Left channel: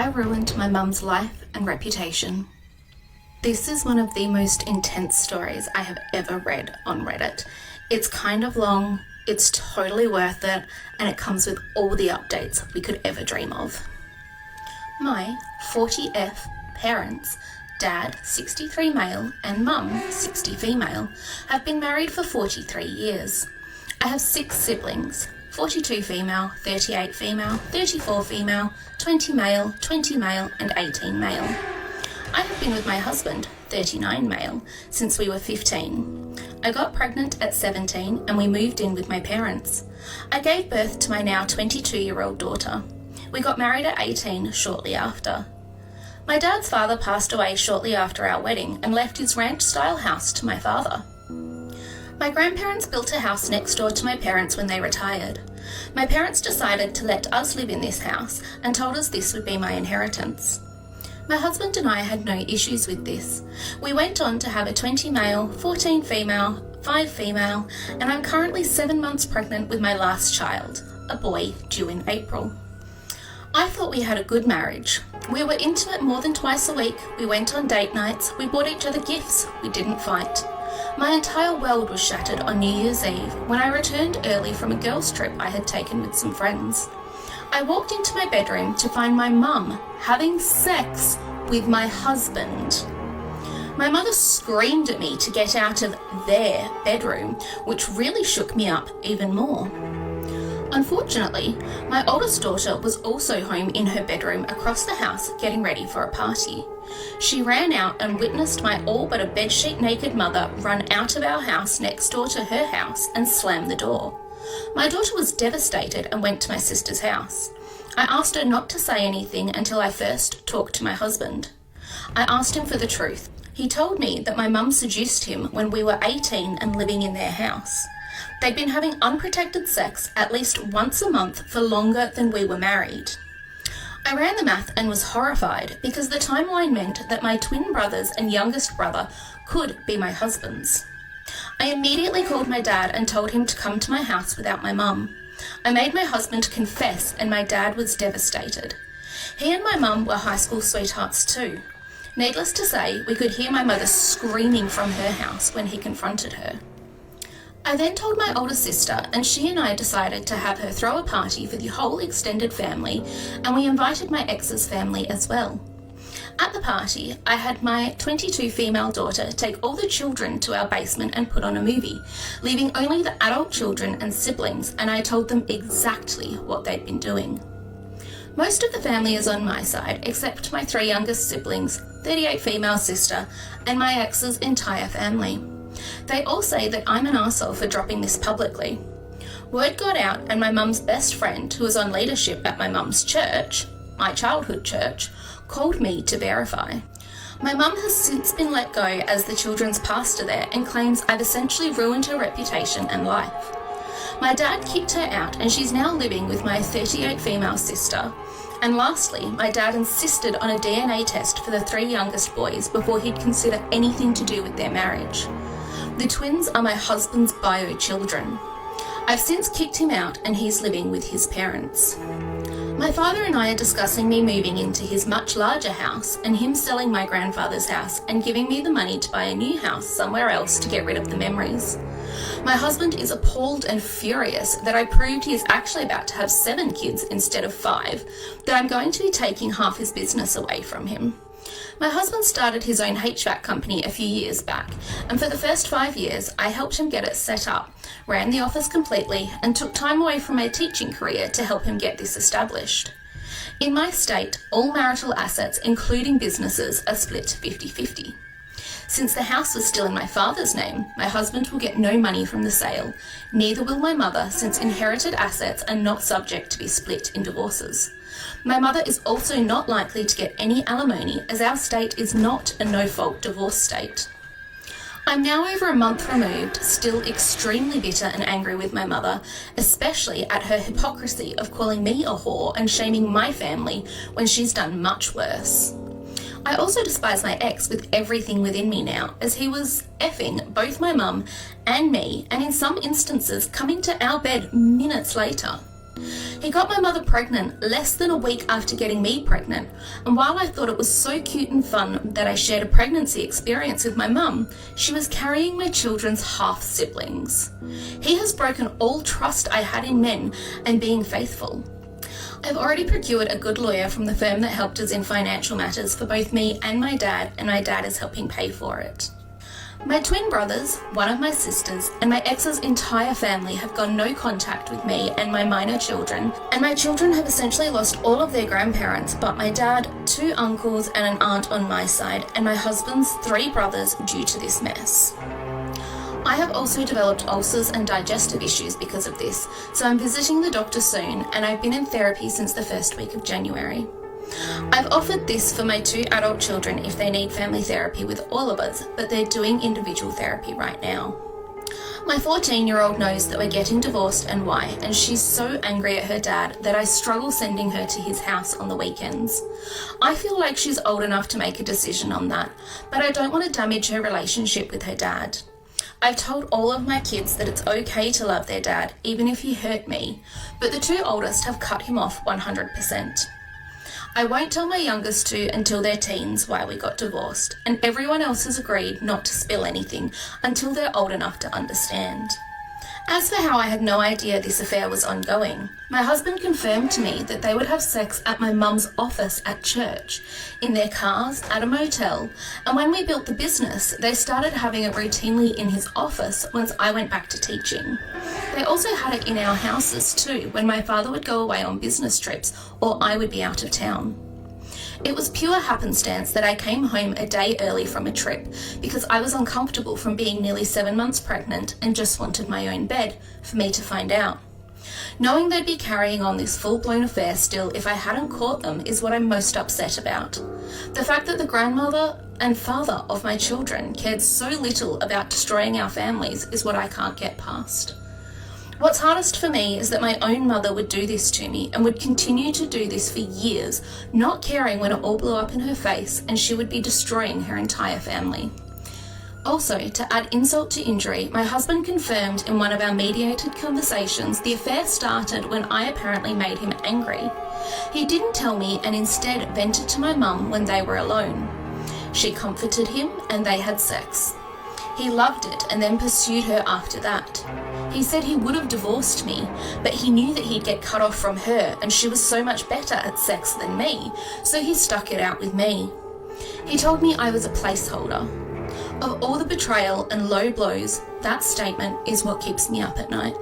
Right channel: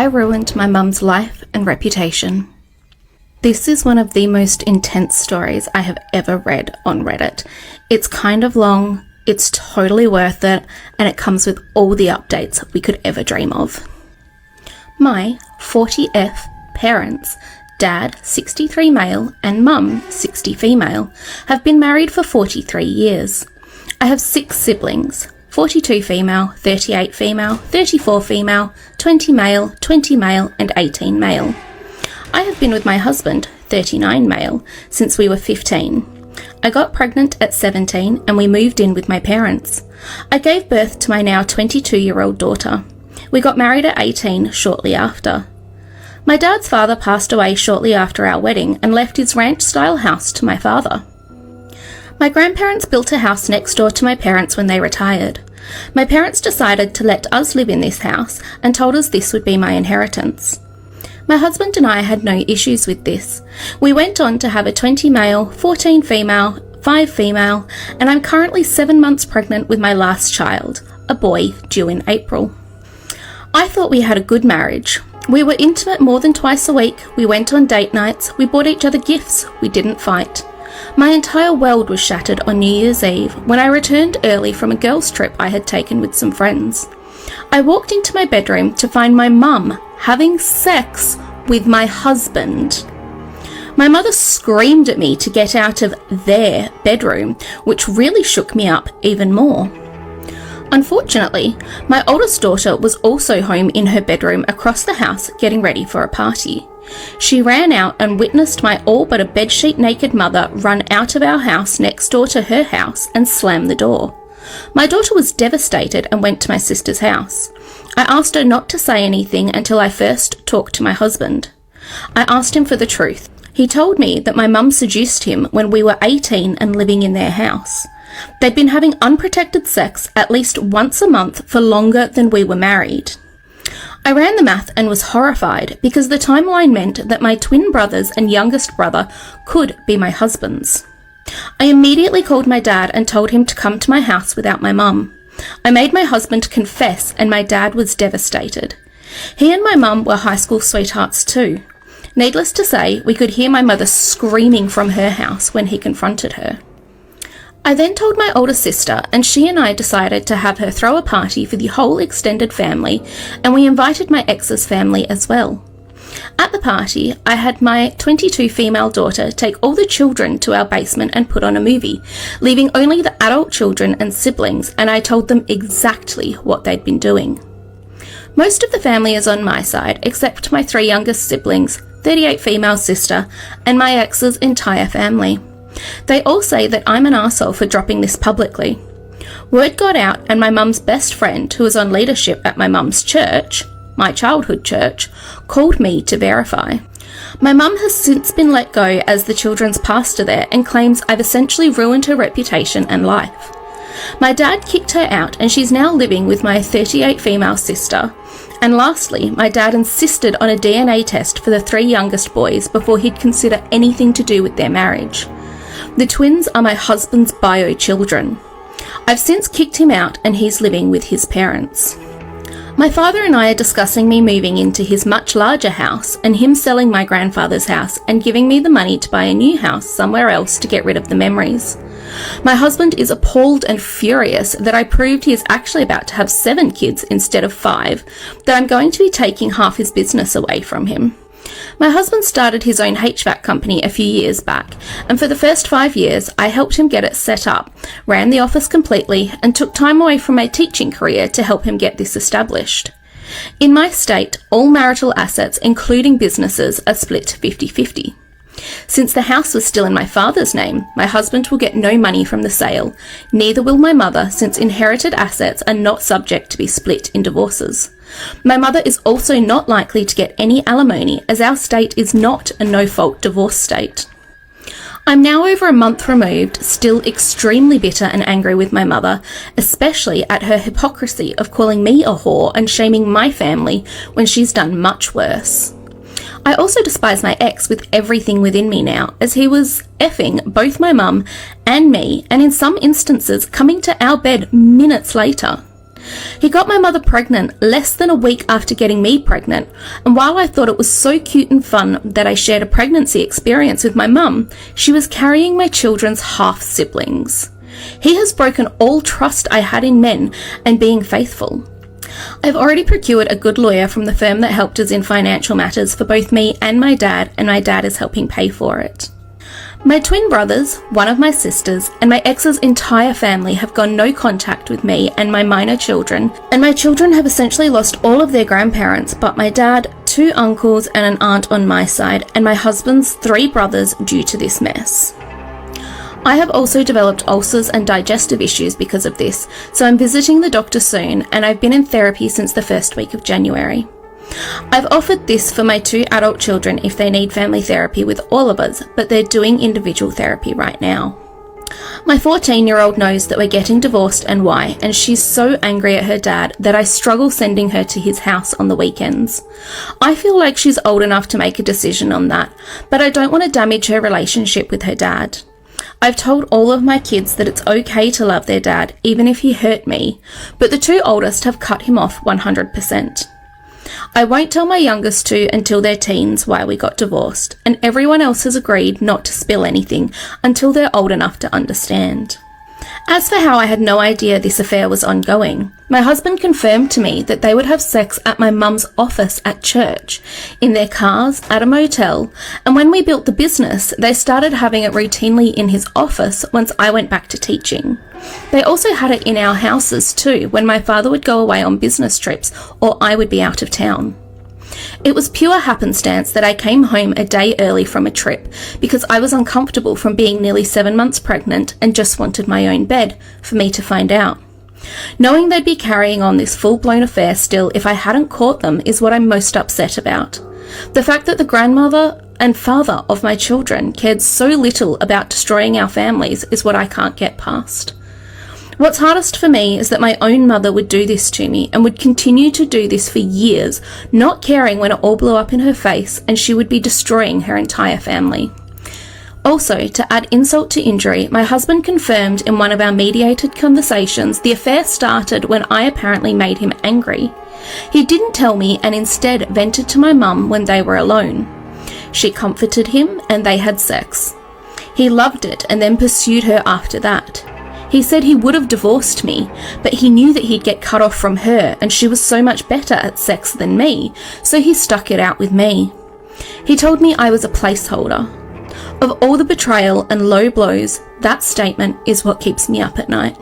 I ruined my mum's life and reputation. This is one of the most intense stories I have ever read on Reddit. It's kind of long, it's totally worth it, and it comes with all the updates we could ever dream of. My 40F parents, dad 63 male and mum 60 female, have been married for 43 years. I have 6 siblings, 42 female, 38 female, 34 female, 20 male, 20 male and 18 male. I have been with my husband, 39 male, since we were 15. I got pregnant at 17 and we moved in with my parents. I gave birth to my now 22-year-old daughter. We got married at 18 shortly after. My dad's father passed away shortly after our wedding and left his ranch-style house to my father. My grandparents built a house next door to my parents when they retired. My parents decided to let us live in this house and told us this would be my inheritance. My husband and I had no issues with this. We went on to have a 20 male, 14 female, 5 female, and I'm currently 7 months pregnant with my last child, a boy due in April. I thought we had a good marriage. We were intimate more than twice a week, we went on date nights, we bought each other gifts, we didn't fight. My entire world was shattered on New Year's Eve when I returned early from a girls' trip I had taken with some friends. I walked into my bedroom to find my mum having sex with my husband. My mother screamed at me to get out of their bedroom, which really shook me up even more. Unfortunately, my oldest daughter was also home in her bedroom across the house getting ready for a party. She ran out and witnessed my all but a bedsheet naked mother run out of our house next door to her house and slam the door. My daughter was devastated and went to my sister's house. I asked her not to say anything until I first talked to my husband. I asked him for the truth. He told me that my mum seduced him when we were 18 and living in their house. They'd been having unprotected sex at least once a month for longer than we were married. I ran the math and was horrified because the timeline meant that my twin brothers and youngest brother could be my husband's. I immediately called my dad and told him to come to my house without my mum. I made my husband confess and my dad was devastated. He and my mum were high school sweethearts too. Needless to say, we could hear my mother screaming from her house when he confronted her. I then told my older sister and she and I decided to have her throw a party for the whole extended family and we invited my ex's family as well. At the party, I had my 22 female daughter take all the children to our basement and put on a movie, leaving only the adult children and siblings, and I told them exactly what they'd been doing. Most of the family is on my side, except my 3 youngest siblings, 38 female sister, and my ex's entire family. They all say that I'm an arsehole for dropping this publicly. Word got out and my mum's best friend, who was on leadership at my mum's church, my childhood church, called me to verify. My mum has since been let go as the children's pastor there and claims I've essentially ruined her reputation and life. My dad kicked her out and she's now living with my 38 female sister. And lastly, my dad insisted on a DNA test for the 3 youngest boys before he'd consider anything to do with their marriage. The twins are my husband's bio children. I've since kicked him out and he's living with his parents. My father and I are discussing me moving into his much larger house and him selling my grandfather's house and giving me the money to buy a new house somewhere else to get rid of the memories. My husband is appalled and furious that I proved he is actually about to have 7 kids instead of 5, that I'm going to be taking half his business away from him. My husband started his own HVAC company a few years back, and for the first 5 years I helped him get it set up, ran the office completely, and took time away from my teaching career to help him get this established. In my state, all marital assets, including businesses, are split 50-50. Since the house was still in my father's name, my husband will get no money from the sale, neither will my mother, since inherited assets are not subject to be split in divorces. My mother is also not likely to get any alimony as our state is not a no-fault divorce state. I'm now over a month removed, still extremely bitter and angry with my mother, especially at her hypocrisy of calling me a whore and shaming my family when she's done much worse. I also despise my ex with everything within me now, as he was effing both my mum and me, and in some instances coming to our bed minutes later. He got my mother pregnant less than a week after getting me pregnant, and while I thought it was so cute and fun that I shared a pregnancy experience with my mum, she was carrying my children's half-siblings. He has broken all trust I had in men and being faithful. I've already procured a good lawyer from the firm that helped us in financial matters for both me and my dad is helping pay for it. My twin brothers, one of my sisters, and my ex's entire family have gone no contact with me and my minor children, and my children have essentially lost all of their grandparents but my dad, 2 uncles and an aunt on my side, and my husband's 3 brothers due to this mess. I have also developed ulcers and digestive issues because of this, so I'm visiting the doctor soon, and I've been in therapy since the first week of January. I've offered this for my 2 adult children if they need family therapy with all of us, but they're doing individual therapy right now. My 14-year-old knows that we're getting divorced and why, and she's so angry at her dad that I struggle sending her to his house on the weekends. I feel like she's old enough to make a decision on that, but I don't want to damage her relationship with her dad. I've told all of my kids that it's okay to love their dad, even if he hurt me, but the 2 oldest have cut him off 100%. I won't tell my youngest 2 until they're teens why we got divorced, and everyone else has agreed not to spill anything until they're old enough to understand. As for how I had no idea this affair was ongoing, my husband confirmed to me that they would have sex at my mum's office at church, in their cars, at a motel, and when we built the business, they started having it routinely in his office once I went back to teaching. They also had it in our houses too, when my father would go away on business trips or I would be out of town. It was pure happenstance that I came home a day early from a trip because I was uncomfortable from being nearly 7 months pregnant and just wanted my own bed for me to find out. Knowing they'd be carrying on this full-blown affair still if I hadn't caught them is what I'm most upset about. The fact that the grandmother and father of my children cared so little about destroying our families is what I can't get past. What's hardest for me is that my own mother would do this to me and would continue to do this for years, not caring when it all blew up in her face and she would be destroying her entire family. Also, to add insult to injury, my husband confirmed in one of our mediated conversations the affair started when I apparently made him angry. He didn't tell me and instead vented to my mum when they were alone. She comforted him and they had sex. He loved it and then pursued her after that. He said he would have divorced me, but he knew that he'd get cut off from her and she was so much better at sex than me, so he stuck it out with me. He told me I was a placeholder. Of all the betrayal and low blows, that statement is what keeps me up at night.